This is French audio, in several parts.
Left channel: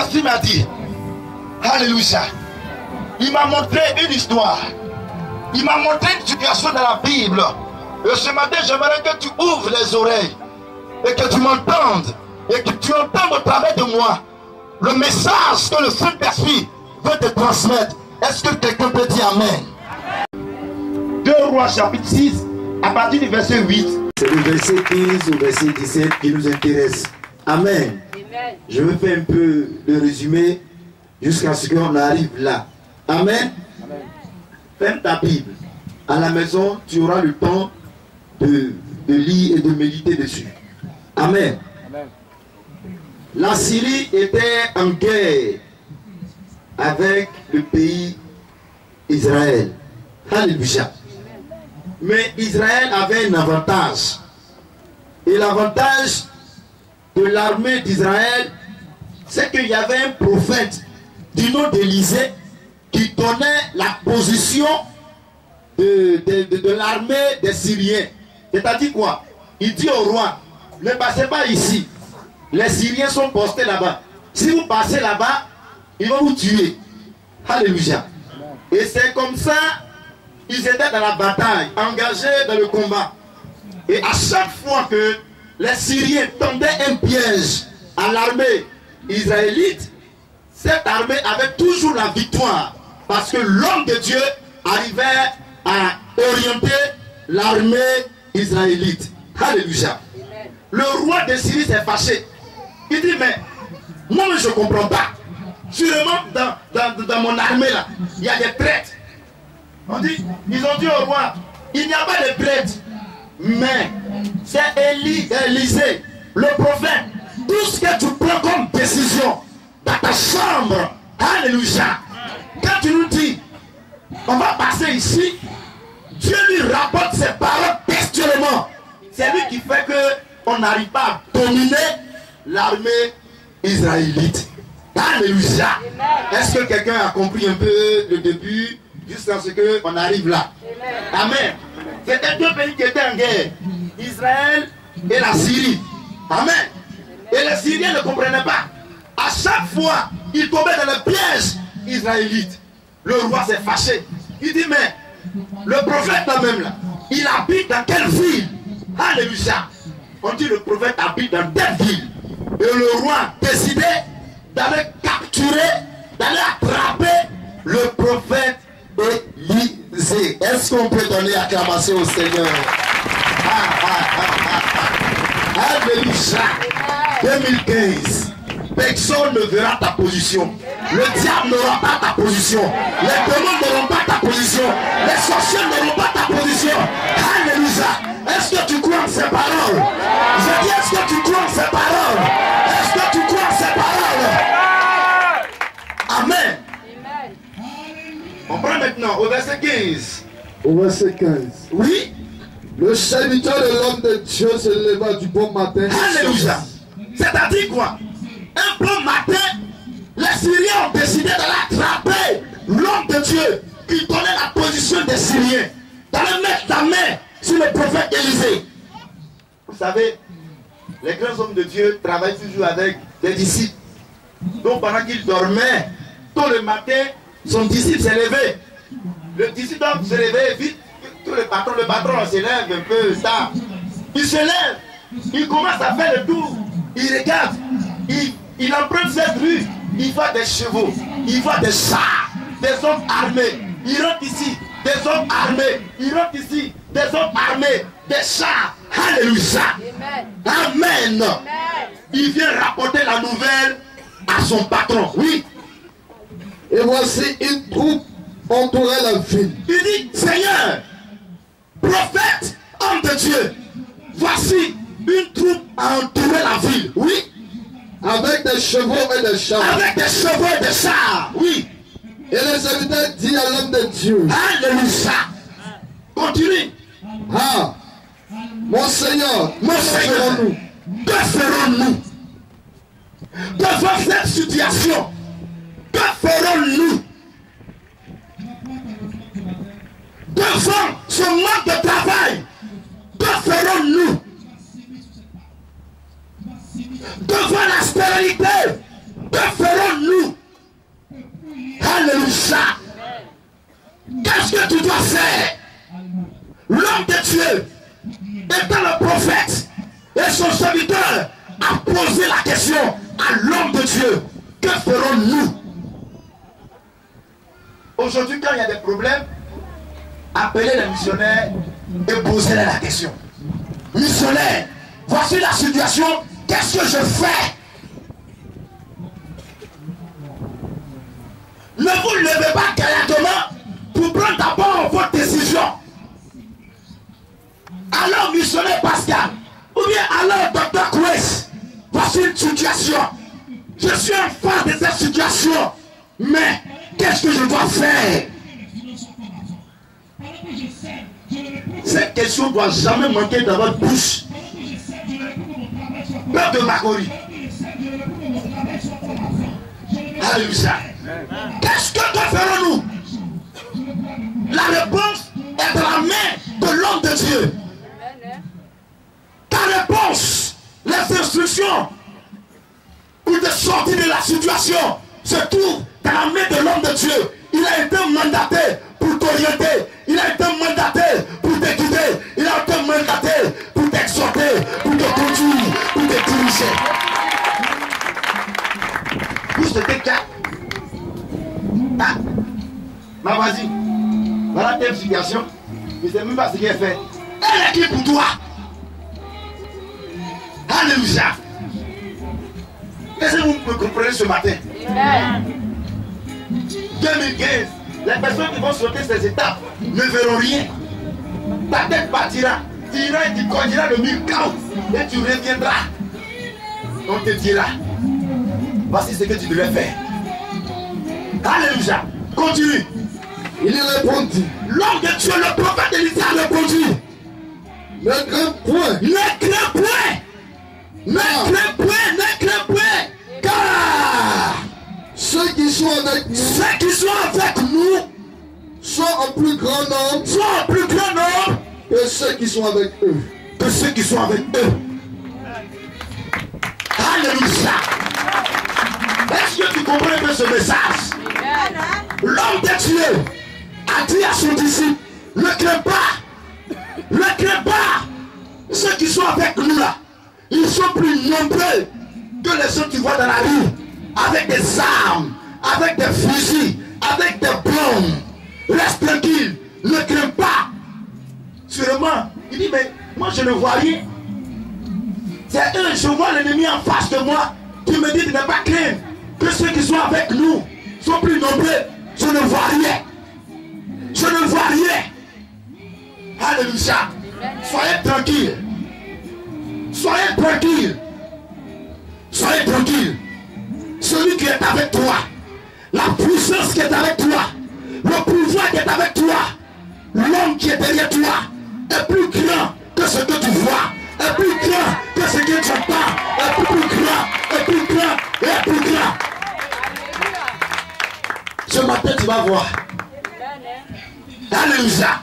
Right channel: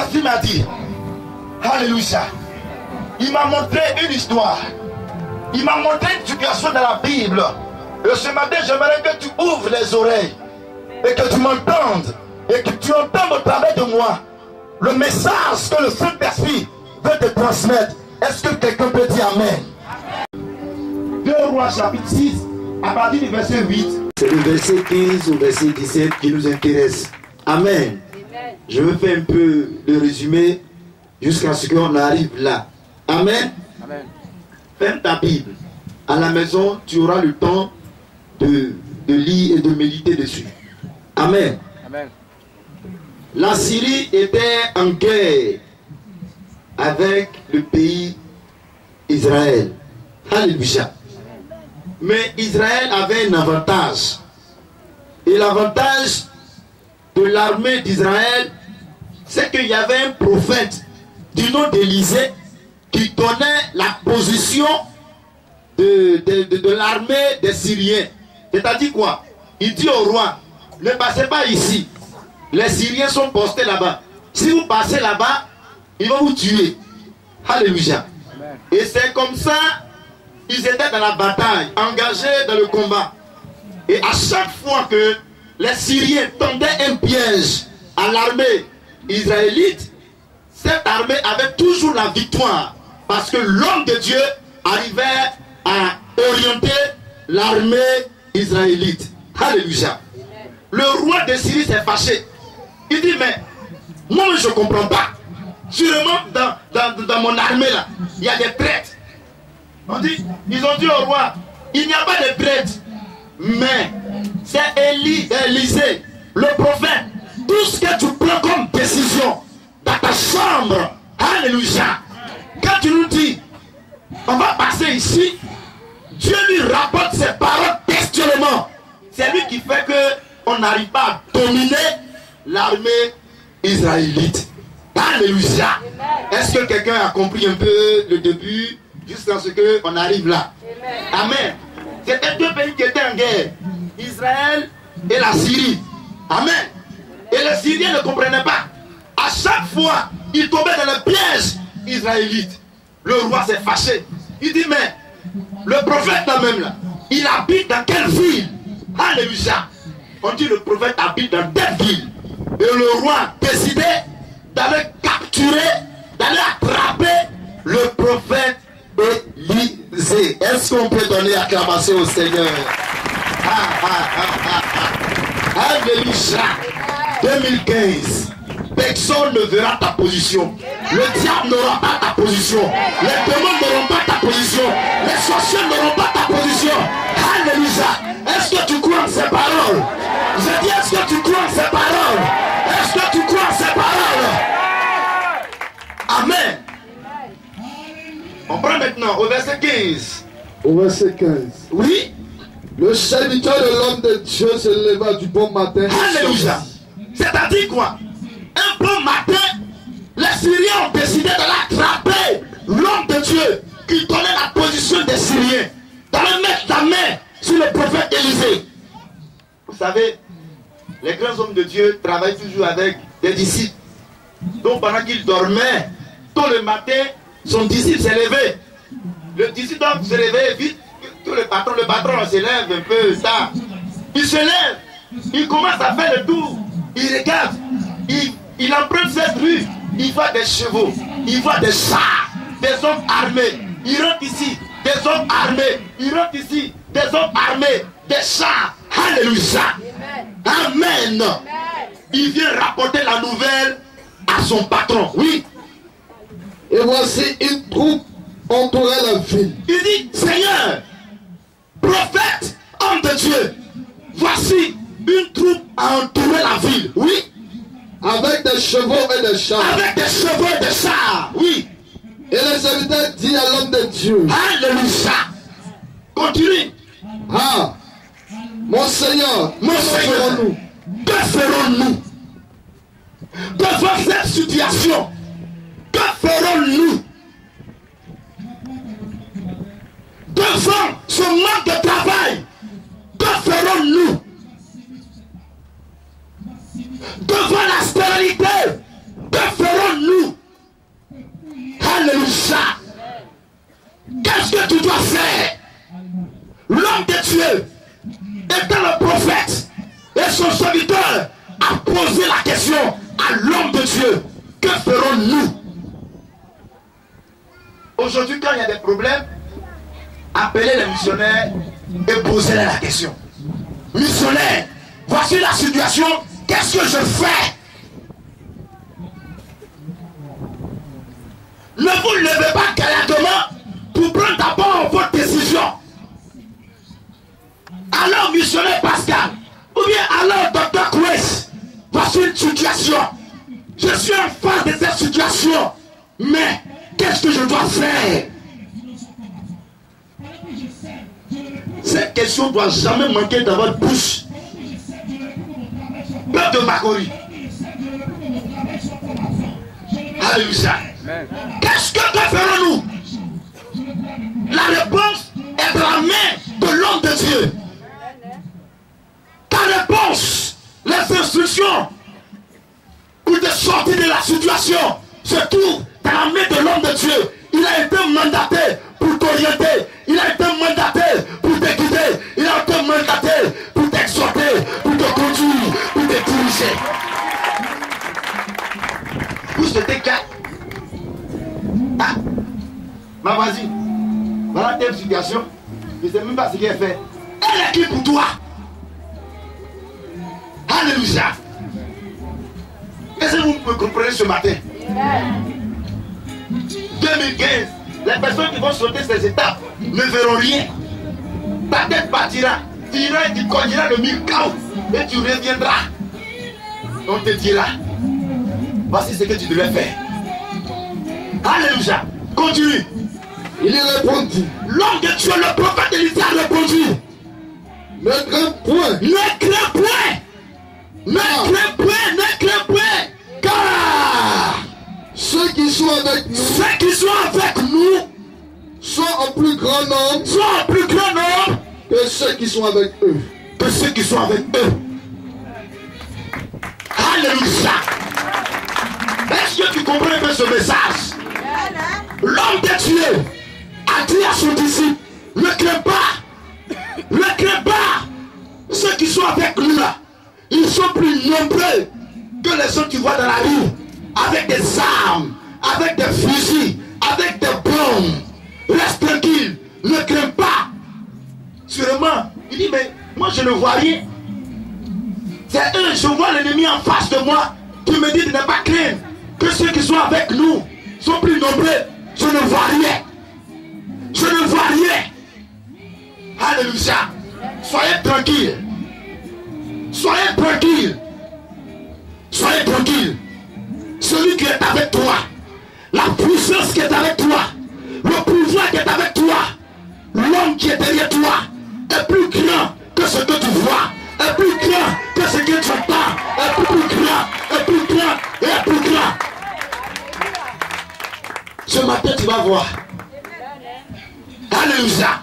Saint-Esprit m'a dit, alléluia, il m'a montré une histoire. Il m'a montré une situation dans la Bible. Et ce matin, j'aimerais que tu ouvres les oreilles et que tu m'entendes et que tu entendes au travers de moi le message que le Saint-Esprit veut te transmettre. Est-ce que quelqu'un peut dire Amen? 2 Rois chapitre 6, à partir du verset 8. C'est le verset 15 au verset 17 qui nous intéresse. Amen. Amen. Je vais faire un peu de résumé jusqu'à ce qu'on arrive là. Amen. Amen. Ferme ta Bible. À la maison, tu auras le temps de lire et de méditer dessus. Amen. Amen. La Syrie était en guerre avec le pays Israël. Alléluia. Mais Israël avait un avantage. Et l'avantage de l'armée d'Israël, c'est qu'il y avait un prophète du nom d'Élisée qui donnait la position de l'armée des Syriens. C'est-à-dire quoi? Il dit au roi, ne passez pas ici. Les Syriens sont postés là-bas. Si vous passez là-bas, ils vont vous tuer. Alléluia. Et c'est comme ça, ils étaient dans la bataille, engagés dans le combat. Et à chaque fois que les Syriens tendaient un piège à l'armée israélite, cette armée avait toujours la victoire. Parce que l'homme de Dieu arrivait à orienter l'armée israélite. Alléluia. Le roi de Syrie s'est fâché. Il dit, mais moi je ne comprends pas. Sûrement dans mon armée là, il y a des traîtres. Ils ont dit au roi, il n'y a pas de traîtres. Mais c'est Élisée, le prophète. Tout ce que tu prends comme décision dans ta chambre, alléluia. Quand tu nous dis, on va passer ici, Dieu lui rapporte ses paroles textuellement. C'est lui qui fait qu'on n'arrive pas à dominer l'armée israélite. Alléluia. Est-ce que quelqu'un a compris un peu le début jusqu'à ce qu'on arrive là? Amen. C'était deux pays qui étaient en guerre, Israël et la Syrie. Amen. Et les Syriens ne comprenaient pas. À chaque fois, ils tombaient dans le piège israélite. Le roi s'est fâché. Il dit, mais le prophète là-même, là, il habite dans quelle ville? Alléluia. On dit le prophète habite dans telle ville. Et le roi a décidé d'aller capturer, d'aller attraper le prophète Élisée. Est-ce qu'on peut donner acclamation au Seigneur? Alléluia. 2015. Personne ne verra ta position. Le diable n'aura pas ta position. Les démons n'auront pas ta position. Les sorciers n'auront pas ta position. Alléluia. Est-ce que tu crois en ces paroles? Je dis, est-ce que tu crois en ces paroles? Est-ce que tu crois en ces paroles? Amen. On prend maintenant au verset 15. Au verset 15. Oui. Le serviteur de l'homme de Dieu se leva du bon matin. Alléluia. C'est-à-dire quoi? Un bon matin, les Syriens ont décidé de l'attraper. L'homme de Dieu qui donnait la position des Syriens, d'aller mettre la main sur le prophète Élisée. Vous savez, les grands hommes de Dieu travaillent toujours avec des disciples. Donc pendant qu'il dormait, tôt le matin, son disciple s'est levé. Le disciple doit se lever vite. Le patron se lève un peu tard. Il se lève, il commence à faire le tour. Il regarde, il emprunte cette rue. Il voit des chevaux, il voit des chars, des hommes armés. Il rentre ici, des hommes armés. Il rentre ici, des hommes armés, des chars. Alléluia. Amen. Il vient rapporter la nouvelle à son patron. Oui. Et voici une troupe entourait la ville. Il dit, Seigneur, prophète, homme de Dieu, voici une troupe a entouré la ville. Oui. Avec des chevaux et des chars. Avec des chevaux et des chars. Oui. Et le serviteur dit à l'homme de Dieu. Alléluia. Continue. Ah, mon Seigneur, ferons-nous? Que ferons-nous devant cette situation? Que ferons-nous devant ce manque de travail? Que ferons-nous devant la stérilité? Que ferons-nous Qu'est-ce que tu dois faire? L'homme de Dieu, étant le prophète, et son serviteur a posé la question à l'homme de Dieu. Que ferons-nous? Aujourd'hui, quand il y a des problèmes, appelez les missionnaires et posez-leur la question. Missionnaire, voici la situation, qu'est-ce que je fais? Ne vous levez pas gaillardement pour prendre d'abord votre décision. Alors, missionnaire Pascal, ou bien alors, docteur Kouès, voici une situation. Je suis en face de cette situation, mais qu'est-ce que je dois faire? Cette question ne doit jamais manquer dans votre bouche. Peuple de Makori. Alléluia. Qu'est-ce que ferons-nous? La réponse est dans la main de l'homme de Dieu. Ta réponse, les instructions pour te sortir de la situation se trouvent dans la main de l'homme de Dieu. Il a été mandaté pour t'orienter. Il a été mandaté pour te guider. Il a été mandaté pour t'exhorter, pour te conduire, pour te diriger. Pousse de tes cas. Ah, ma voisine, voilà telle situation. Je ne sais même pas ce qu'elle fait. Elle est qui pour toi? Alléluia. Est-ce que vous me comprenez ce matin? 2015, les personnes qui vont sauter ces étapes ne verront rien. Ta tête partira, tu iras et tu cogneras le mur chaos et tu reviendras. On te dira, voici ce que tu devais faire. Alléluia. Continue. Il répondit, L'homme de Dieu, le prophète Élisée a répondu. ne crains point, Ne crains point. Ne crains point, ne crains point. Car ceux qui sont avec nous ceux qui sont avec nous sont en plus grand nombre sont en plus grand nombre que ceux qui sont avec eux. que ceux qui sont avec eux. Alléluia. Est-ce que tu comprends un peu ce message? L'homme de Dieu a dit à son disciple, ne crains pas, ne crains pas. Ceux qui sont avec nous là, ils sont plus nombreux que les gens que tu vois dans la rue, avec des armes, avec des fusils, avec des bombes. Reste tranquille, ne crains pas. Sûrement, il dit, mais moi je ne vois rien. C'est eux, je vois l'ennemi en face de moi. Tu me dis de ne pas craindre, que ceux qui sont avec nous sont plus nombreux. Je ne vois rien. Je ne vois rien. Alléluia. Soyez tranquille. Soyez tranquille. Soyez tranquille. Celui qui est avec toi, la puissance qui est avec toi, le pouvoir qui est avec toi, l'homme qui est derrière toi est plus grand que ce que tu vois, est plus grand que ce que tu entends, est plus grand, est plus grand, est plus grand. Ce matin, tu vas voir. Alléluia.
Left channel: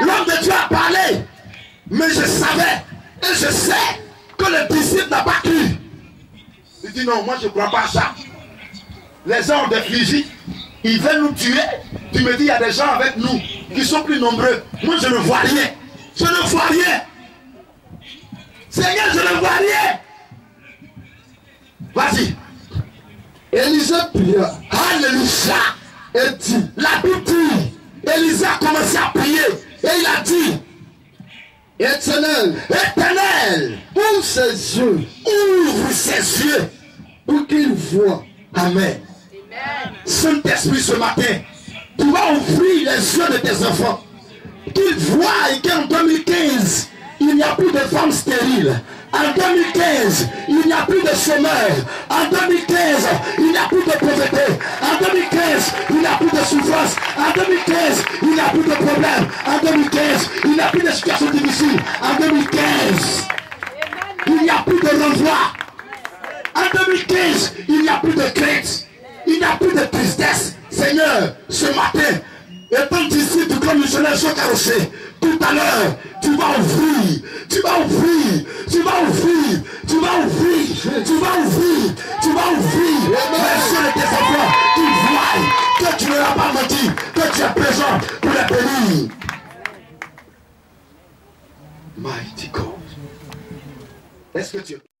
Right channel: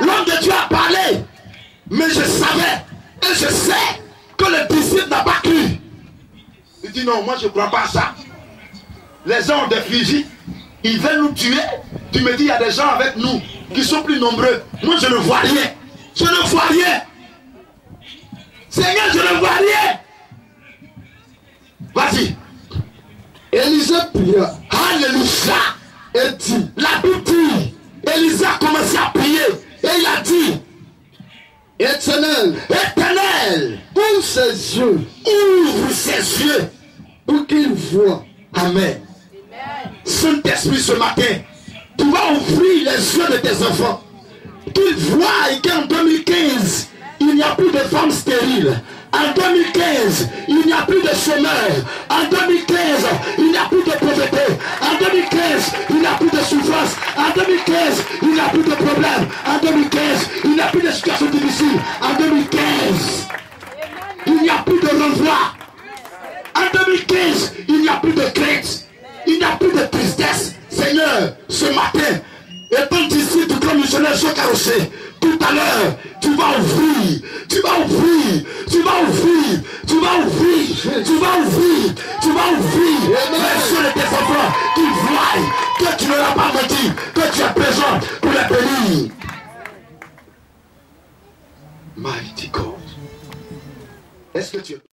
L'homme de Dieu a parlé, mais je savais et je sais que le disciple n'a pas cru. Il dit non, moi je ne crois pas à ça. Les gens de Fiji, ils veulent nous tuer. Tu me dis, il y a des gens avec nous qui sont plus nombreux. Moi je ne vois rien. Je ne vois rien. Seigneur, je ne vois rien. Vas-y. Élisée pria Alléluia. et dit, La Bible dit, Élisée a commencé à prier et il a dit, Éternel, Éternel, ouvre ses yeux ouvre ses yeux pour qu'il voie. Amen. Saint-Esprit, ce matin, tu vas ouvrir les yeux de tes enfants. Qu'ils voient qu'en 2015, il n'y a plus de femmes stériles. En 2015, il n'y a plus de chômeurs. En 2015, il n'y a plus de pauvreté. En 2015, il n'y a plus de souffrance. En 2015, il n'y a plus de problèmes. En 2015, il n'y a plus de situations difficiles. En 2015, il n'y a plus de renvoi. En 2015, il n'y a plus de crainte. Il n'y a plus de tristesse. Seigneur, ce matin, étant d'ici, tout comme missionnaire sont carrossés, tout à l'heure, tu vas ouvrir, tu vas ouvrir, tu vas ouvrir, tu vas ouvrir, tu vas ouvrir, tu vas ouvrir les yeux de tes enfants, qu'ils voient que tu ne l'as pas menti, que tu es présent pour les le bénir. Mighty God. Est-ce que tu es